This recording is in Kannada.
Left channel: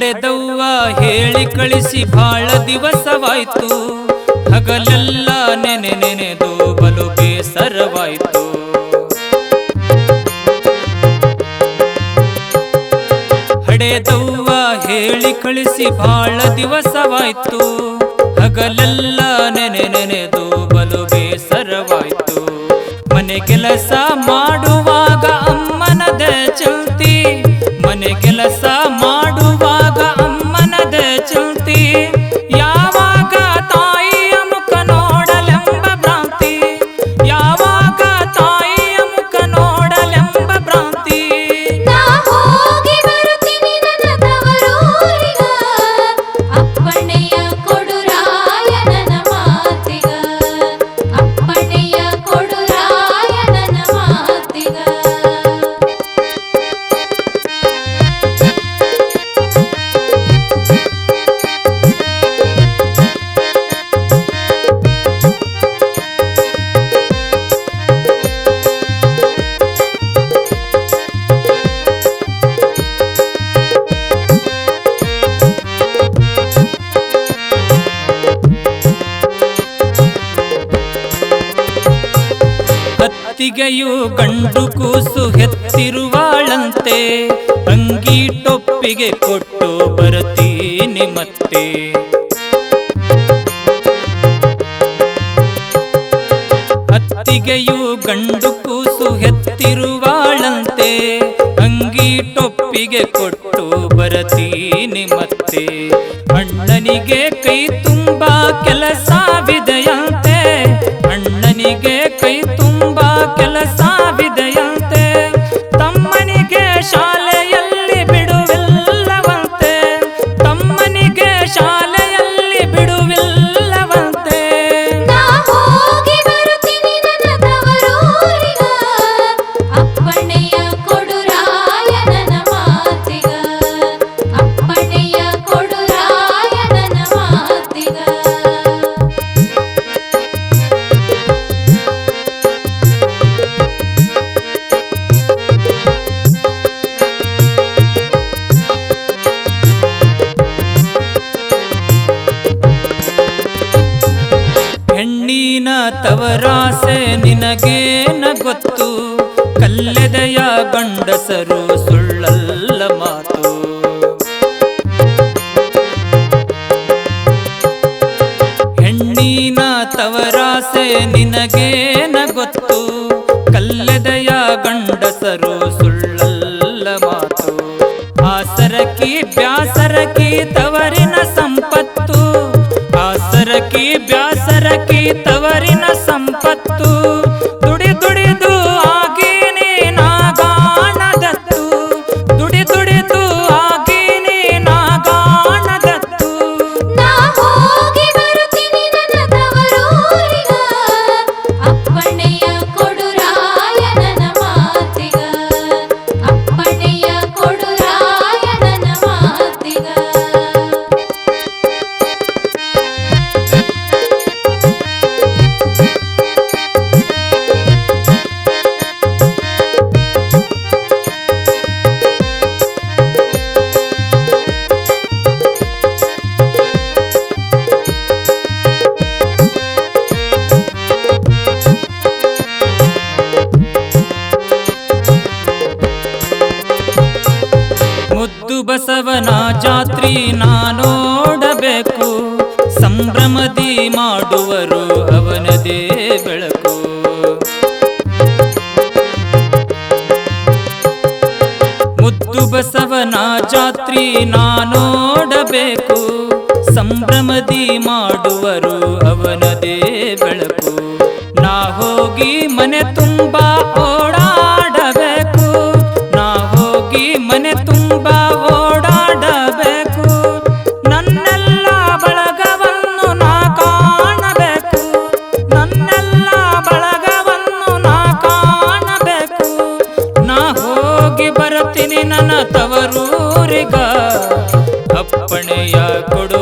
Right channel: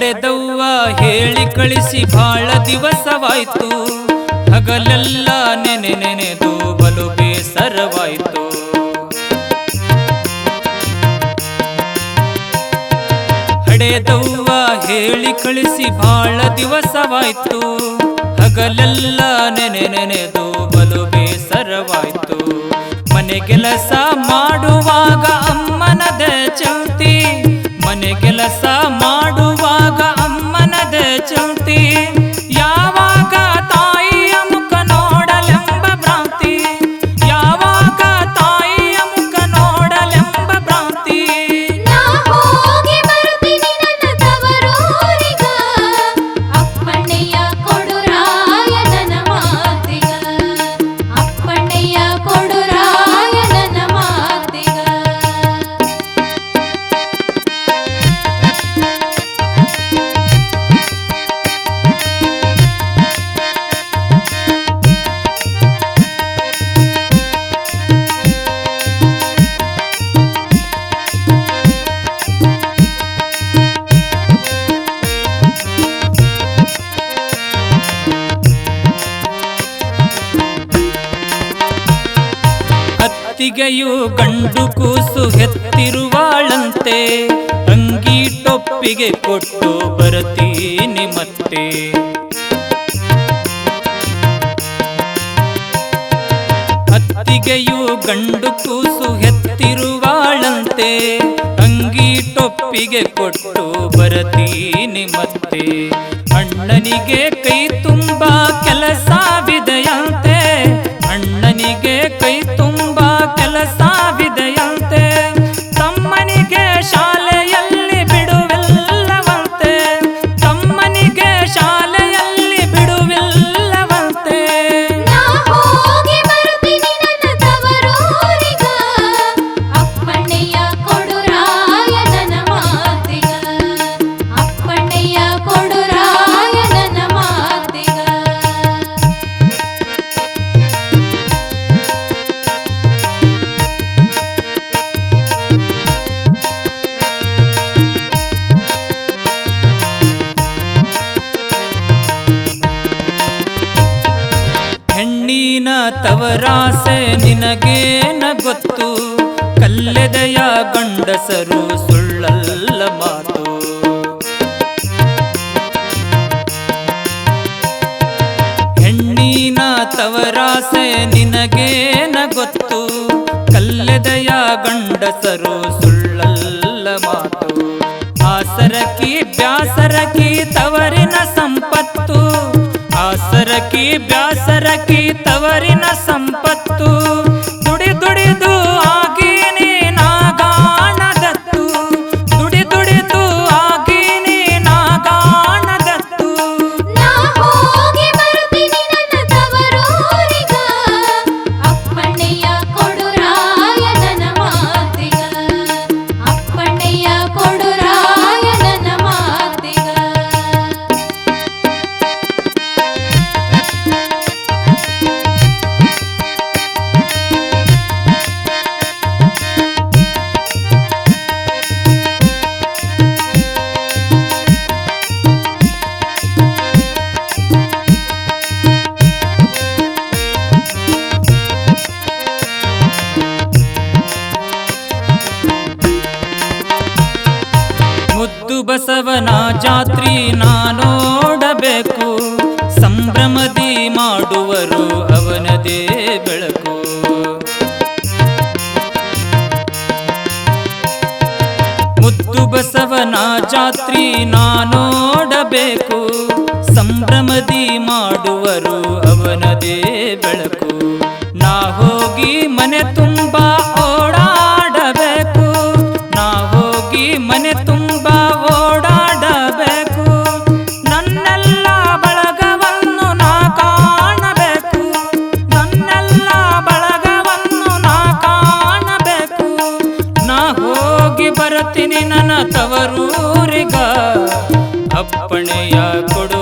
ಹಡೆದವ್ವ ಹೇಳಿ ಕಳಿಸಿ ಬಾಳ ದಿವಸವಾಯ್ತು, ಹಗಲೆಲ್ಲ ನೆನೆ ನೆನೆದು ಬಲು ಬೇಸರವಾಯ್ತು. ಹಡೆದವ್ವ ಹೇಳಿ ಕಳಿಸಿ ಬಾಳ ದಿವಸವಾಯ್ತು, ಹಗಲೆಲ್ಲ ನೆನೆ ನೆನೆದು ಬಲು ಬೇಸರವಾಯ್ತು. ಮನೆ ಕೆಲಸ ಮಾಡುವಾಗ ಅಮ್ಮನದ ಚಿಂತಿ, ಮನೆ ಕೆಲಸ ಮಾಡುವಾಗ ಅಮ್ಮನದ ಚಿಂತಿ, ಯಾವಾಗ ತಾಯಿಯ ಮುಖ ನೋಡಲೆಂಬ ಭ್ರಾಂತಿ, ಯಾವಾಗ ತಾಯಿಯ ಮುಖ ನೋಡಲೆಂಬ ಭ್ರಾಂತಿ. ಅತ್ತಿಗೆಯು ಗಂಡು ಕೂಸು ಹೆತ್ತಿರುವಾಳಂತೆ, ಅಂಗಿ ಟೊಪ್ಪಿಗೆ ಕೊಟ್ಟು ಬರತೀನಿ ಮತ್ತೆ. ಅತ್ತಿಗೆಯು ಗಂಡು ಕೂಸು ಹೆತ್ತಿರುವಾಳಂತೆ, ಅಂಗಿ ಟೊಪ್ಪಿಗೆ ಕೊಟ್ಟು ಬರತೀನಿ ಮತ್ತೆ. ಅಣ್ಣನಿಗೆ ಕೈ ತುಂಬ ಕೆಲಸವಿದೆಯಂತೆ, ಅಣ್ಣನಿಗೆ ಕೈ ತುಂಬ ಕೆಲಸವಿದೆಯಂತೆ, ತಮ್ಮನಿಗೆ ಶಾಲೆಯಲ್ಲಿ ಬಿಡುವಿಲ್ಲವಂತೆ, ತಮ್ಮನಿಗೆ ಶಾಲೆಯಲ್ಲಿ ಬಿಡುವಿಲ್ಲವಂತೆ. ಹೆಣ್ಣಿನ ತವರಾಸೆ ನಿನಗೇನ ಗೊತ್ತು, ಕಲ್ಲೆದೆಯ ಗಂಡಸರು ಸುಳ್ಳಲ್ಲ ಮಾತು. ಹೆಣ್ಣಿನ ತವರಾಸೆ ನಿನಗೇನ ಗೊತ್ತು, ಕಲ್ಲೆದೆಯ ಗಂಡಸರು ಸುಳ್ಳಲ್ಲ ಮಾತು. ಆಸರಕಿ ಬ್ಯಾಸರಕಿ ತವರಿನ ಸಂಪತ್ತು, ಆಸರಕಿ ಬ್ಯಾಸರಕಿ ತವರಿನ ಸಂಪತ್ತು, ದುಡಿ ದುಡಿದು ಆಗೀನಿ ನಾಗಾಣದತ್ತು, ದುಡಿ ದುಡಿದು ಆಗೀನಿ ನಾಗಾಣದತ್ತು. ಮುದ್ದು ಬಸವನ ಜಾತ್ರಿ ನೋಡಬೇಕು, ಸಂಭ್ರಮದಿ ಮಾಡುವರು ಅವನದೇ ಬೆಳಕು. ಮುದ್ದು ಬಸವನ ಜಾತ್ರಿ ನೋಡಬೇಕು, ಸಂಭ್ರಮದಿ ಮಾಡುವರು ಅವನದೇ ಬೆಳಕು. ನಾ ಹೋಗಿ ಮನೆ ತುಂಬ ಓಡಾಡಬೇಕು, ನಾ ಹೋಗಿ ಮನೆ ತುಂಬ ಓಡಾಡಬೇಕು, ನನ್ನೆಲ್ಲ ಬಳಗವನ್ನು ನಾ ಕಾಣಬೇಕು, ನನ್ನೆಲ್ಲ ಬಳಗವನ್ನು ನಾ ಕಾಣಬೇಕು. ನಾ ಹೋಗಿ ಬರ್ತೀನಿ ನನ್ನ ತವರೂರಿಗ, ಅಪ್ಪಣೆಯ ಕೊಡು